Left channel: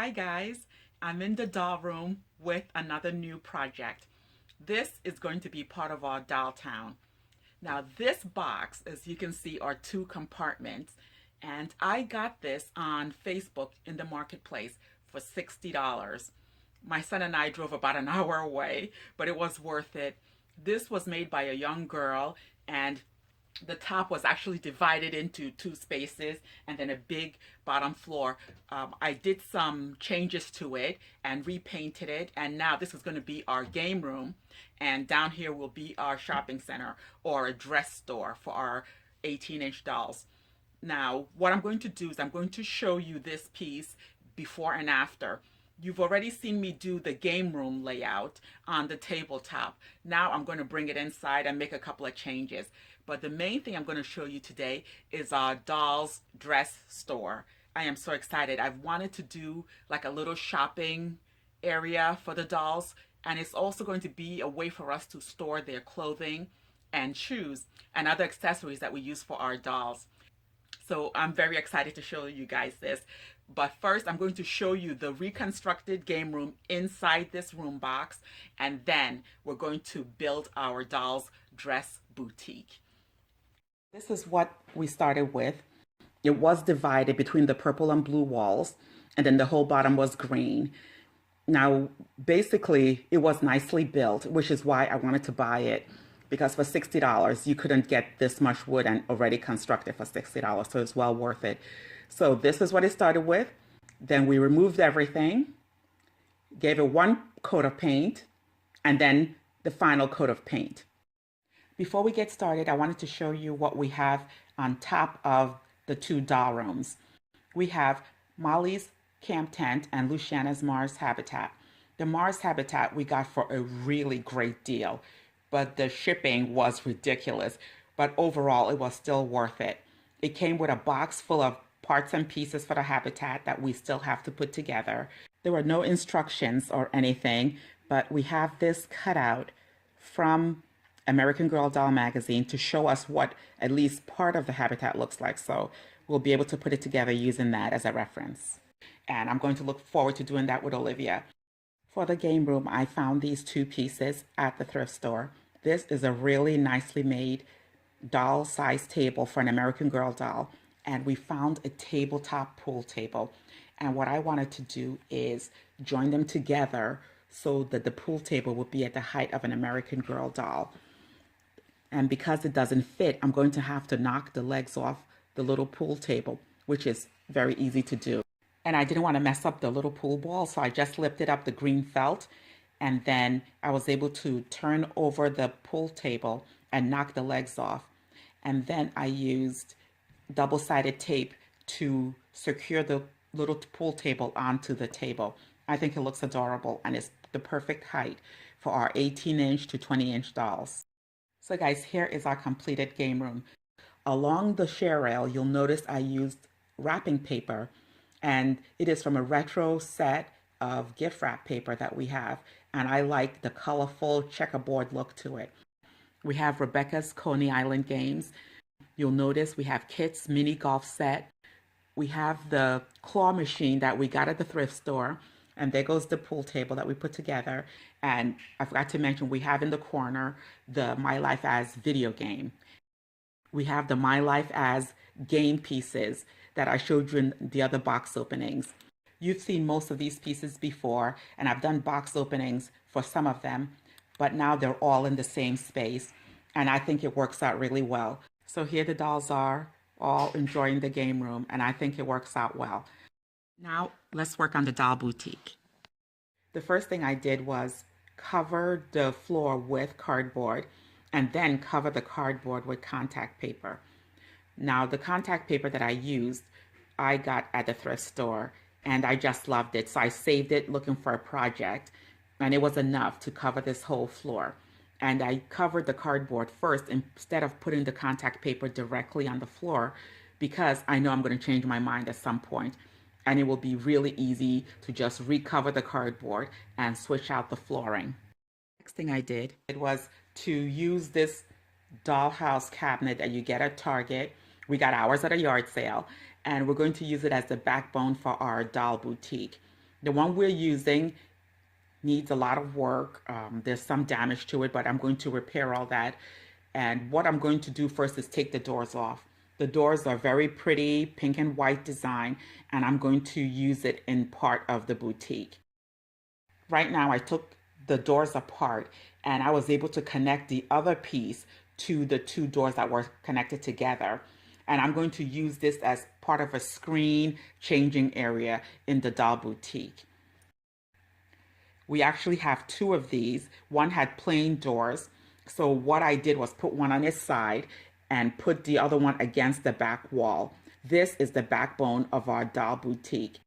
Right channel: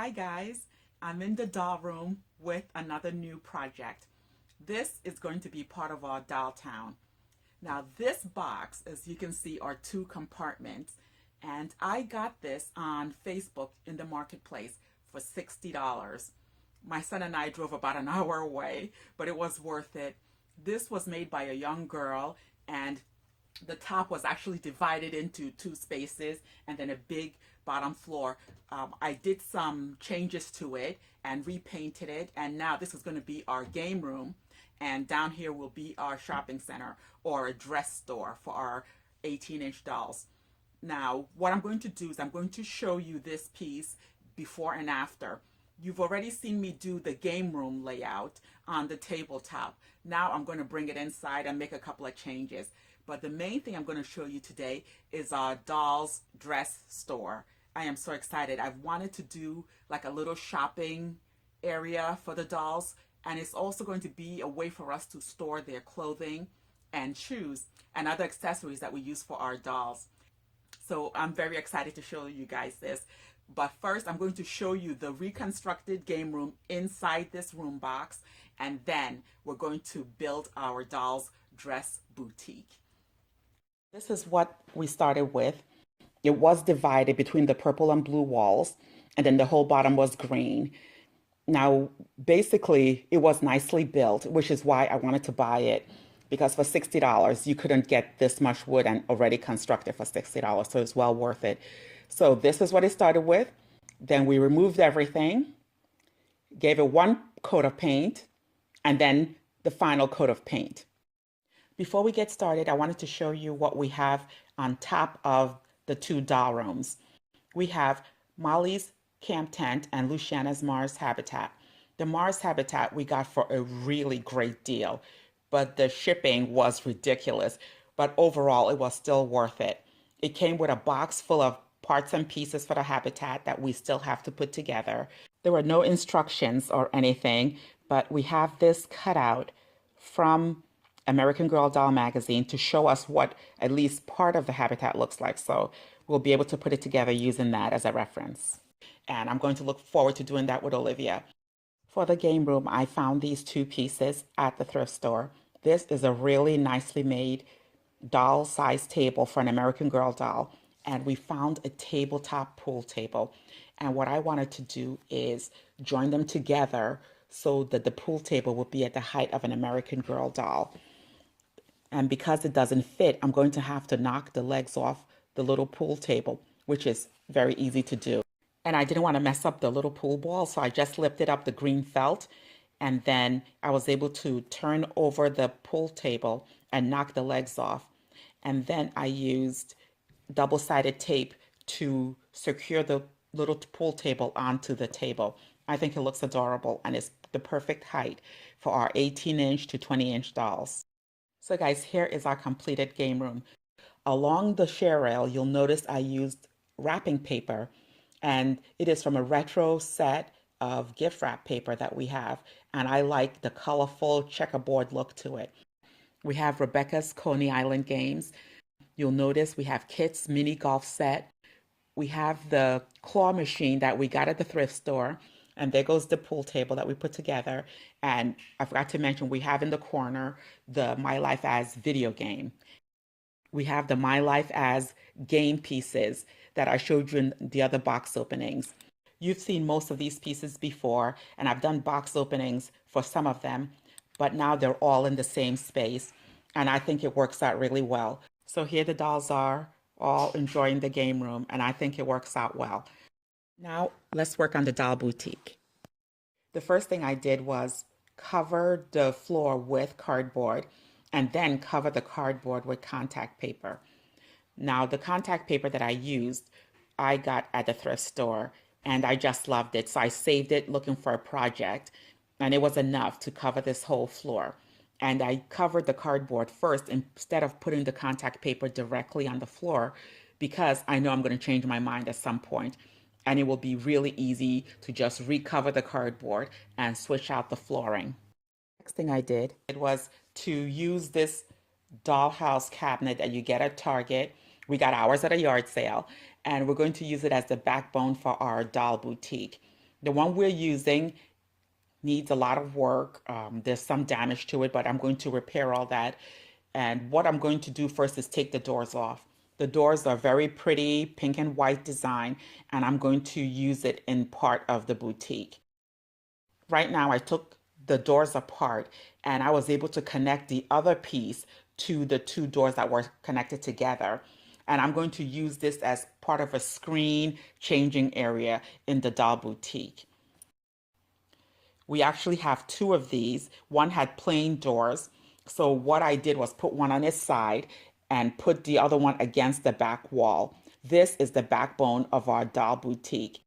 Hi guys, I'm in the doll room with another new project. This is going to be part of our doll town. Now this box, as you can see, are two compartments, and I got this on Facebook in the marketplace for $60. My son and I drove about an hour away, but it was worth it. This was made by a young girl, and the top was actually divided into two spaces and then a big bottom floor. I did some changes to it and repainted it, and now this is going to be our game room, and down here will be our shopping center or a dress store for our 18-inch dolls. Now what I'm going to do is I'm going to show you this piece before and after. You've already seen me do the game room layout on the tabletop. Now I'm going to bring it inside and make a couple of changes. But the main thing I'm going to show you today is our dolls dress store. I am so excited. I've wanted to do like a little shopping area for the dolls, and it's also going to be a way for us to store their clothing and shoes and other accessories that we use for our dolls. So I'm very excited to show you guys this. But first, I'm going to show you the reconstructed game room inside this room box, and then we're going to build our dolls dress boutique. This is what we started with. It was divided between the purple and blue walls, and then the whole bottom was green. Now, basically, it was nicely built, which is why I wanted to buy it, because for $60, you couldn't get this much wood and already constructed for $60, so it's well worth it. So this is what it started with. Then we removed everything, gave it one coat of paint, and then the final coat of paint. Before we get started, I wanted to show you what we have on top of the two doll rooms. We have Molly's camp tent and Luciana's Mars habitat. The Mars habitat we got for a really great deal, but the shipping was ridiculous. But overall, it was still worth it. It came with a box full of parts and pieces for the habitat that we still have to put together. There were no instructions or anything, but we have this cutout from American Girl Doll magazine to show us what at least part of the habitat looks like. So we'll be able to put it together using that as a reference. And I'm going to look forward to doing that with Olivia. For the game room, I found these two pieces at the thrift store. This is a really nicely made doll size table for an American Girl doll. And we found a tabletop pool table. And what I wanted to do is join them together so that the pool table would be at the height of an American Girl doll. And because it doesn't fit, I'm going to have to knock the legs off the little pool table, which is very easy to do. And I didn't want to mess up the little pool ball, so I just lifted up the green felt, and then I was able to turn over the pool table and knock the legs off. And then I used double-sided tape to secure the little pool table onto the table. I think it looks adorable, and it's the perfect height for our 18-inch to 20-inch dolls. So guys, here is our completed game room. Along the share rail, you'll notice I used wrapping paper, and it is from a retro set of gift wrap paper that we have, and I like the colorful checkerboard look to it. We have Rebecca's Coney Island games. You'll notice we have Kit's mini golf set. We have the claw machine that we got at the thrift store, and there goes the pool table that we put together. And I forgot to mention, we have in the corner the My Life As video game. We have the My Life As game pieces that I showed you in the other box openings. You've seen most of these pieces before, and I've done box openings for some of them, but now they're all in the same space, and I think it works out really well. So here the dolls are, all enjoying the game room, and I think it works out well. Now let's work on the doll boutique. The first thing I did was cover the floor with cardboard and then cover the cardboard with contact paper. Now the contact paper that I used, I got at the thrift store, and I just loved it. So I saved it looking for a project, and it was enough to cover this whole floor. And I covered the cardboard first instead of putting the contact paper directly on the floor, because I know I'm going to change my mind at some point, and it will be really easy to just recover the cardboard and switch out the flooring. Next thing I did was to use this Dollhouse cabinet that you get at Target. We got ours at a yard sale, and we're going to use it as the backbone for our doll boutique. The one we're using needs a lot of work. There's some damage to it, but I'm going to repair all that. And what I'm going to do first is take the doors off. The doors are very pretty, pink and white design, and I'm going to use it in part of the boutique. Right now, I took the doors apart and I was able to connect the other piece to the two doors that were connected together. And I'm going to use this as part of a screen changing area in the doll boutique. We actually have two of these. One had plain doors. So what I did was put one on its side and put the other one against the back wall. This is the backbone of our doll boutique.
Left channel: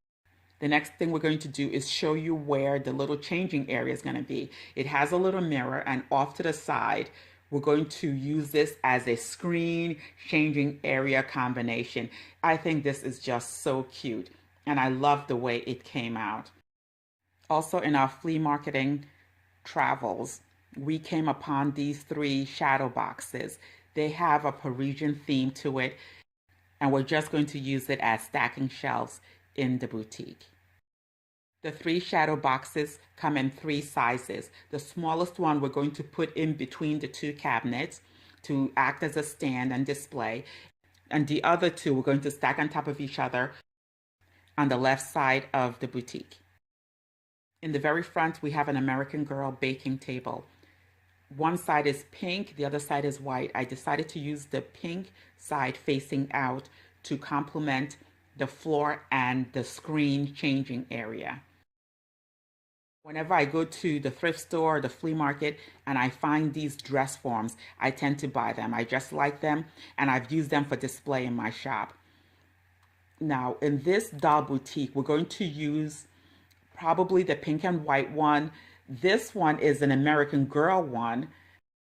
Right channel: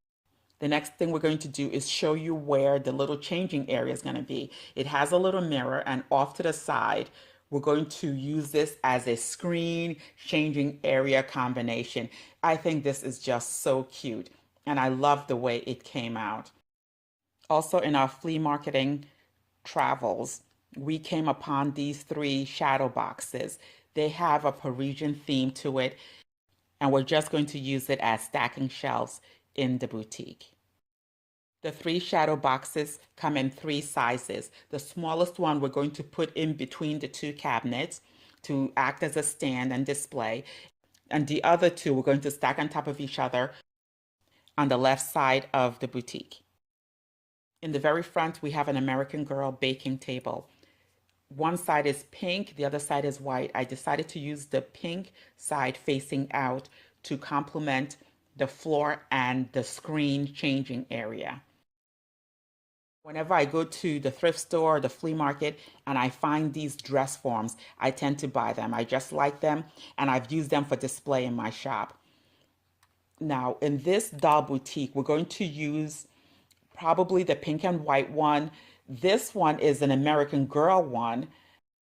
The next thing we're going to do is show you where the little changing area is going to be. It has a little mirror, and off to the side, we're going to use this as a screen changing area combination. I think this is just so cute, and I love the way it came out. Also, in our flea marketing travels, we came upon these three shadow boxes. They have a Parisian theme to it, and we're just going to use it as stacking shelves in the boutique. The three shadow boxes come in three sizes. The smallest one we're going to put in between the two cabinets to act as a stand and display. And the other two we're going to stack on top of each other on the left side of the boutique. In the very front, we have an American Girl baking table. One side is pink, the other side is white. I decided to use the pink side facing out to complement the floor and the screen changing area. Whenever I go to the thrift store or the flea market and I find these dress forms, I tend to buy them. I just like them, and I've used them for display in my shop. Now, in this doll boutique, we're going to use probably the pink and white one. This one is an American Girl one.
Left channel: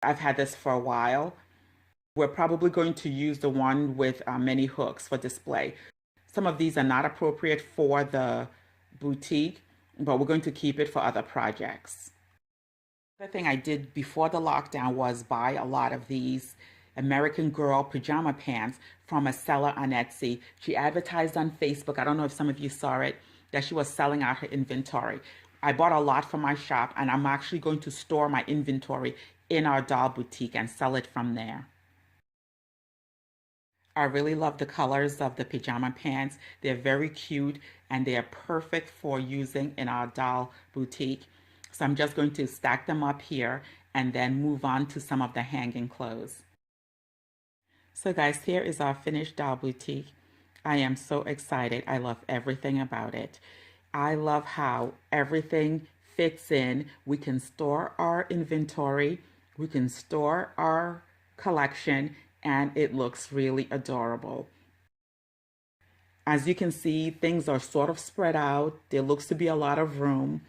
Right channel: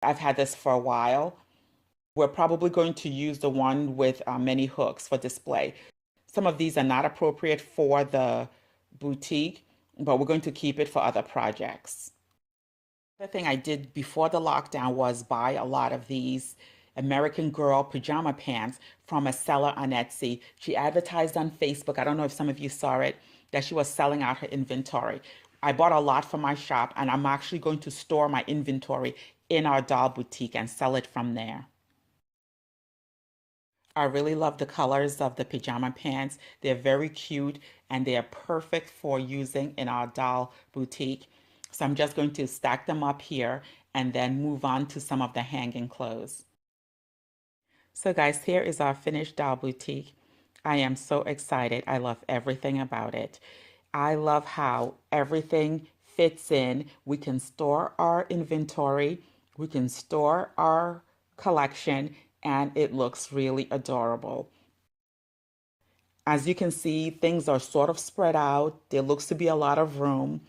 I've had this for a while. We're probably going to use the one with many hooks for display. Some of these are not appropriate for the boutique, but we're going to keep it for other projects. The thing I did before the lockdown was buy a lot of these American Girl pajama pants from a seller on Etsy. She advertised on Facebook, I don't know if some of you saw it, that she was selling out her inventory. I bought a lot for my shop, and I'm actually going to store my inventory in our doll boutique and sell it from there. I really love the colors of the pajama pants. They're very cute and they are perfect for using in our doll boutique. So I'm just going to stack them up here and then move on to some of the hanging clothes. So guys, here is our finished doll boutique. I am so excited. I love everything about it. I love how everything fits in. We can store our inventory. We can store our collection, and it looks really adorable. As you can see, things are sort of spread out. There looks to be a lot of room.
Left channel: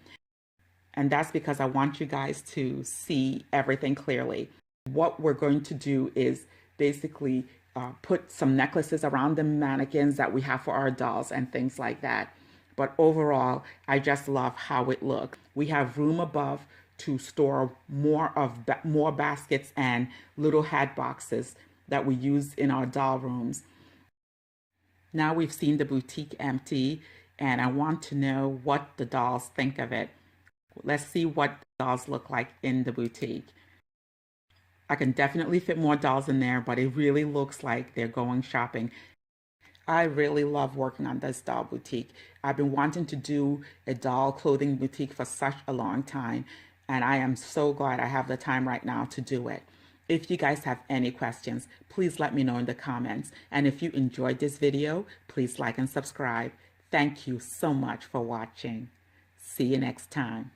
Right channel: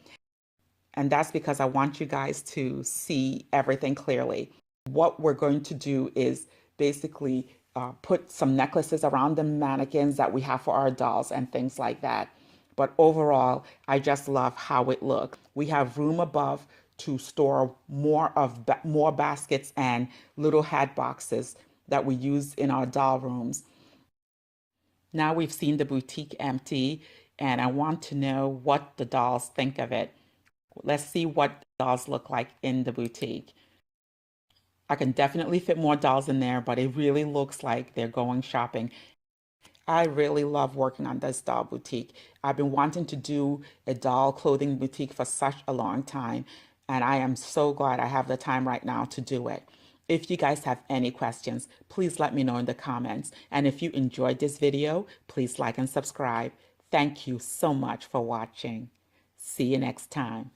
And that's because I want you guys to see everything clearly. What we're going to do is basically put some necklaces around the mannequins that we have for our dolls and things like that. But overall, I just love how it looks. We have room above to store more baskets and little hat boxes that we use in our doll rooms. Now we've seen the boutique empty, and I want to know what the dolls think of it. Let's see what dolls look like in the boutique. I can definitely fit more dolls in there, but it really looks like they're going shopping. I really love working on this doll boutique. I've been wanting to do a doll clothing boutique for such a long time, and I am so glad I have the time right now to do it. If you guys have any questions, please let me know in the comments. And if you enjoyed this video, please like and subscribe. Thank you so much for watching. See you next time.